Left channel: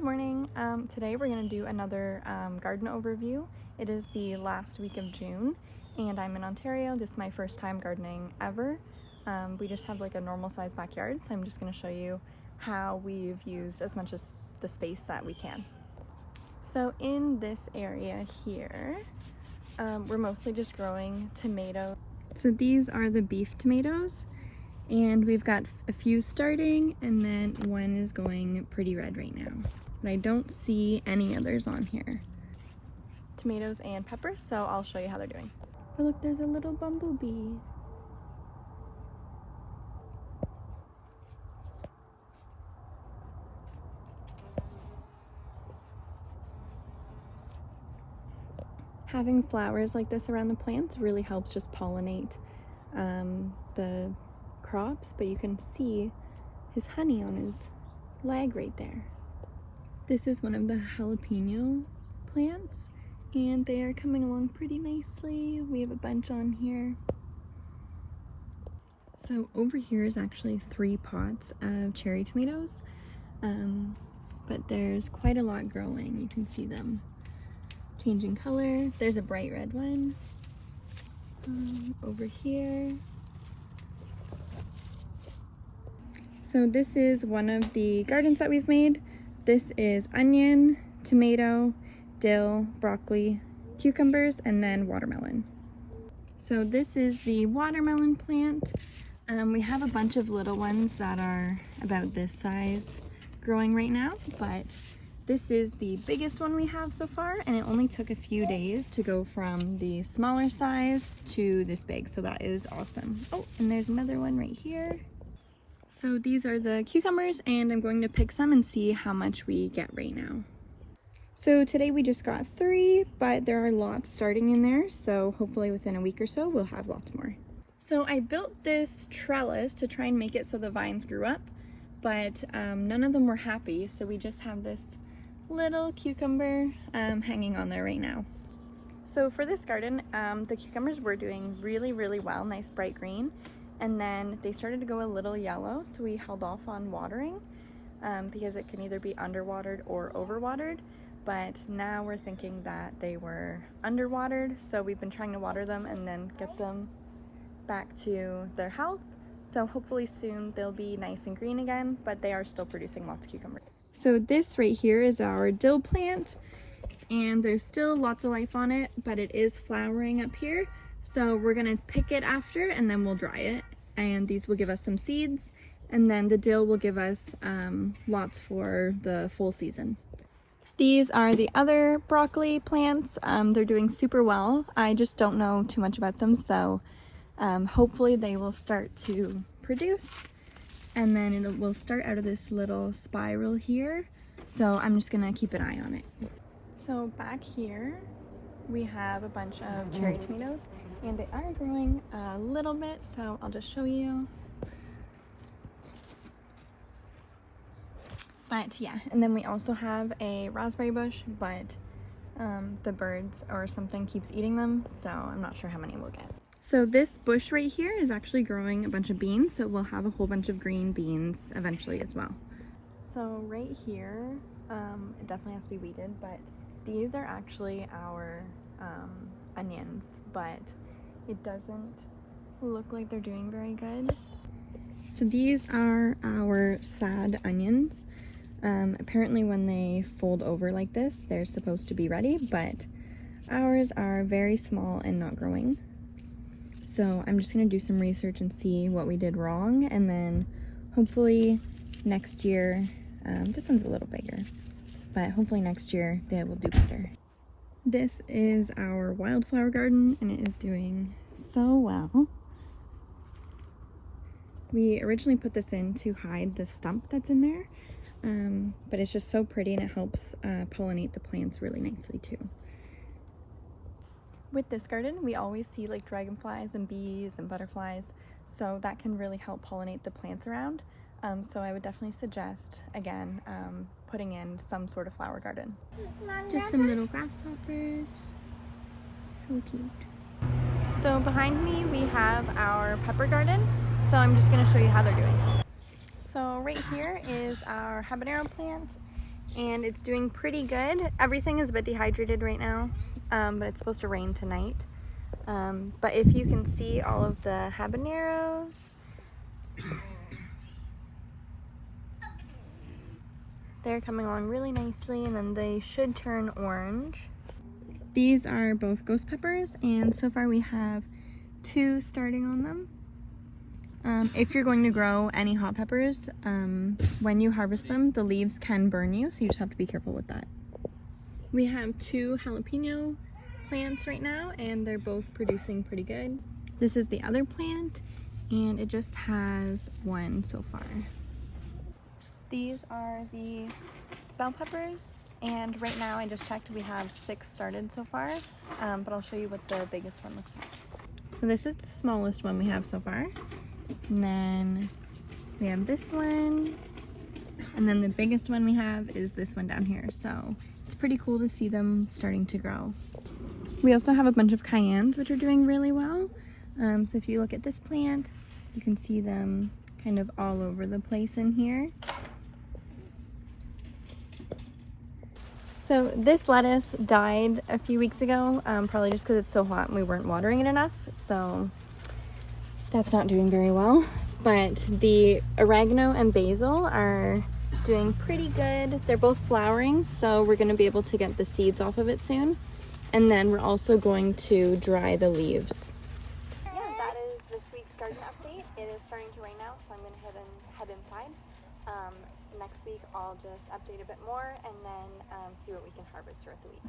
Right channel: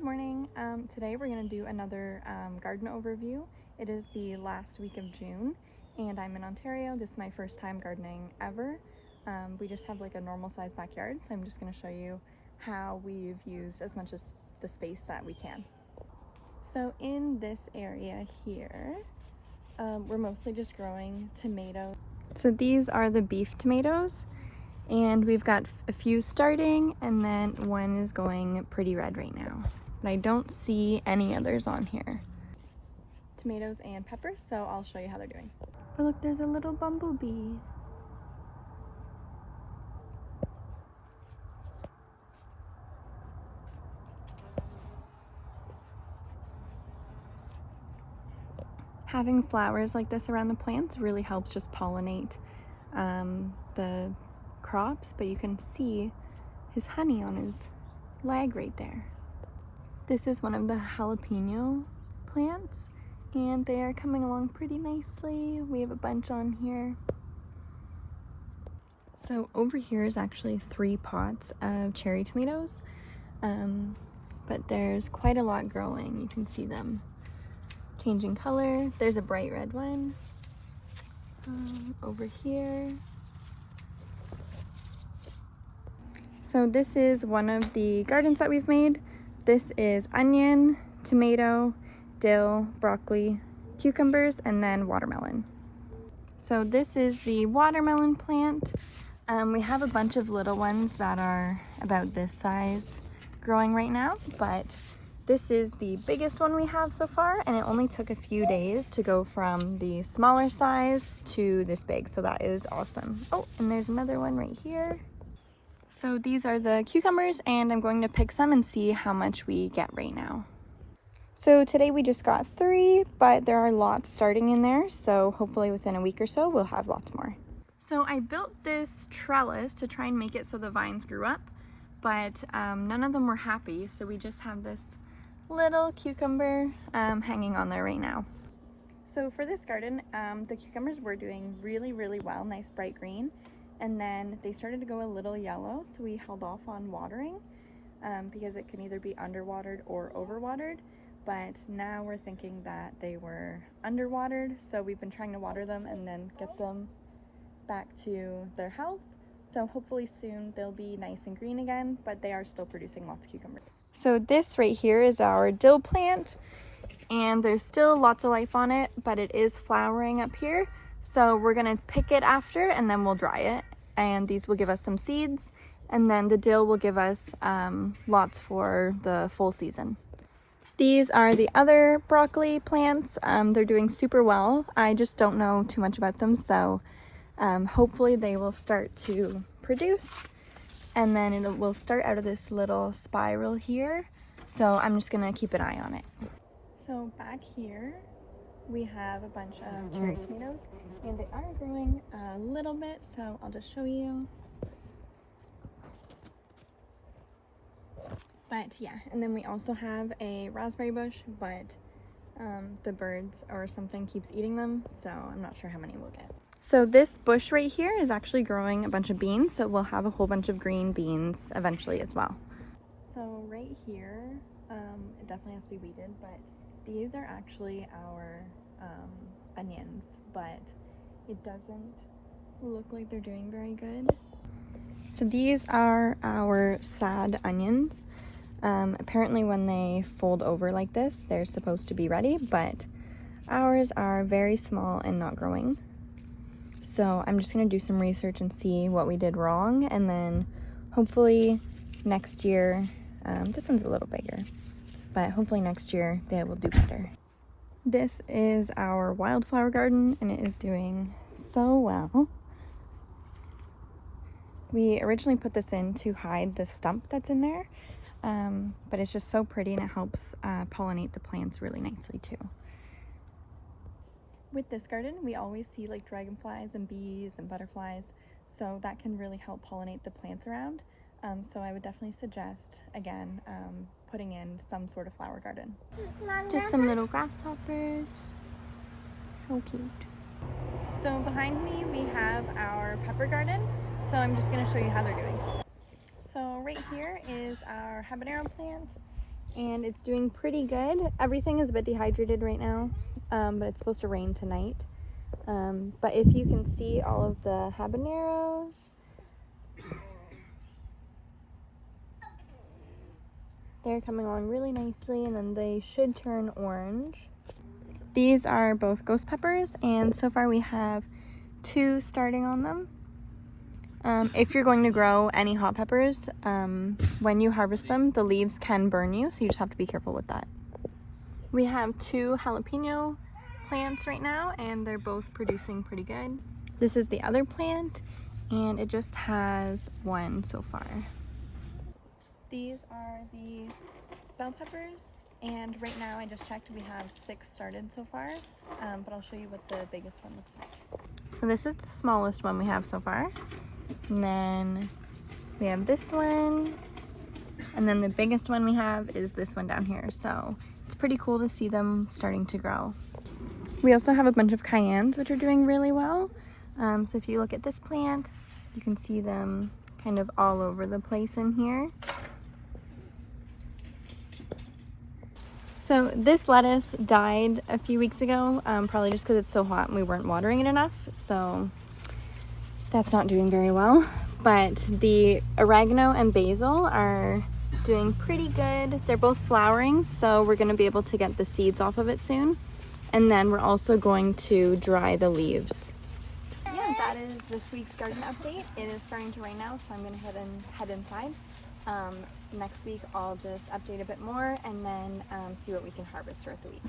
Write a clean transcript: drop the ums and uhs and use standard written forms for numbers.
Good morning. Today we're going to do another garden overview. It is the last week of June and I'm in Ontario. This is my first time gardening ever. We just have like a normal sized backyard, so I'm just going to show you how we've used as much as the space that we can. So in this area here, we're mostly just growing tomatoes. So these are the beef tomatoes, and we've got a few starting and then one is going pretty red right now. But I don't see any others on here. Tomatoes and peppers, so I'll show you how they're doing. Oh look, there's a little bumblebee. Having flowers like this around the plants really helps just pollinate the crops, but you can see his honey on his leg right there. This is one of the jalapeño plants and they are coming along pretty nicely. We have a bunch on here. So over here is actually 3 pots of cherry tomatoes, but there's quite a lot growing. You can see them changing color. There's a bright red one over here. So this is one of the gardens that we've made. This is onion, tomato, dill, broccoli, cucumbers, and then watermelon. So this is the watermelon plant. We have a bunch of little ones that are about this size growing right now, but this is the biggest one we have so far, and it only took a few days to go from the smaller size to this big, so that is awesome. Oh, and there's another one right here. So these are the cucumbers, and I'm going to pick some and see how much we get right now. So today we just got 3, but there are lots starting in there, so hopefully within a week or so we'll have lots more. So I built this trellis to try and make it so the vines grew up, but none of them were happy, so we just have this little cucumber hanging on there right now. So for this garden, the cucumbers were doing really well, nice bright green. And then they started to go a little yellow, so we held off on watering because it can either be underwatered or overwatered. But now we're thinking that they were underwatered, so we've been trying to water them and then get them back to their health. So hopefully soon they'll be nice and green again, but they are still producing lots of cucumbers. So this right here is our dill plant, and there's still lots of life on it, but it is flowering up here. So we're gonna pick it after and then we'll dry it. And these will give us some seeds, and then the dill will give us lots for the full season. These are the other broccoli plants. They're doing super well. I just don't know too much about them, so hopefully they will start to produce, and then it will start out of this little spiral here. So I'm just gonna keep an eye on it. So back here we have a bunch of cherry tomatoes, and they are growing a little bit, so I'll just show you. But yeah, and then we also have a raspberry bush, but the birds or something keeps eating them, so I'm not sure how many we'll get. So this bush right here is actually growing a bunch of beans, so we'll have a whole bunch of green beans eventually as well. So right here, it definitely has to be weeded, but these are actually our onions, but it doesn't look like they're doing very good. So these are our sad onions. Apparently when they fold over like this, they're supposed to be ready, but ours are very small and not growing. So I'm just gonna do some research and see what we did wrong, and then hopefully next year, this one's a little bigger, but hopefully next year they will do better. This is our wildflower garden, and it is doing so well. We originally put this in to hide the stump that's in there, but it's just so pretty, and it helps pollinate the plants really nicely too. With this garden, we always see like dragonflies and bees and butterflies, so that can really help pollinate the plants around. So I would definitely suggest, again, putting in some sort of flower garden. Just some little grasshoppers. So cute. So behind me we have our pepper garden, so I'm just going to show you how they're doing. So right here is our habanero plant, and and it's doing pretty good. Everything is a bit dehydrated right now, but it's supposed to rain tonight. But if you can see all of the habaneros, they're coming along really nicely, and then they should turn orange. These are both ghost peppers, and so far we have 2 starting on them. If you're going to grow any hot peppers, when you harvest them, the leaves can burn you, so you just have to be careful with that. We have 2 jalapeno plants right now, and they're both producing pretty good. This is the other plant, and it just has 1 so far. These are the bell peppers, and right now I just checked, we have 6 started so far, but I'll show you what the biggest one looks like. So this is the smallest one we have so far, and then we have this one, and then the biggest one we have is this one down here. So it's pretty cool to see them starting to grow. We also have a bunch of cayennes which are doing really well. So if you look at this plant, you can see them kind of all over the place in here. So this lettuce died a few weeks ago, probably just because it's so hot and we weren't watering it enough. So that's not doing very well. But the oregano and basil are doing pretty good. They're both flowering, so we're going to be able to get the seeds off of it soon. And then we're also going to dry the leaves. Yeah, that is this week's garden update. It is starting to rain now, so I'm going to head inside. Next week I'll just update a bit more and then see what we can harvest throughout the week.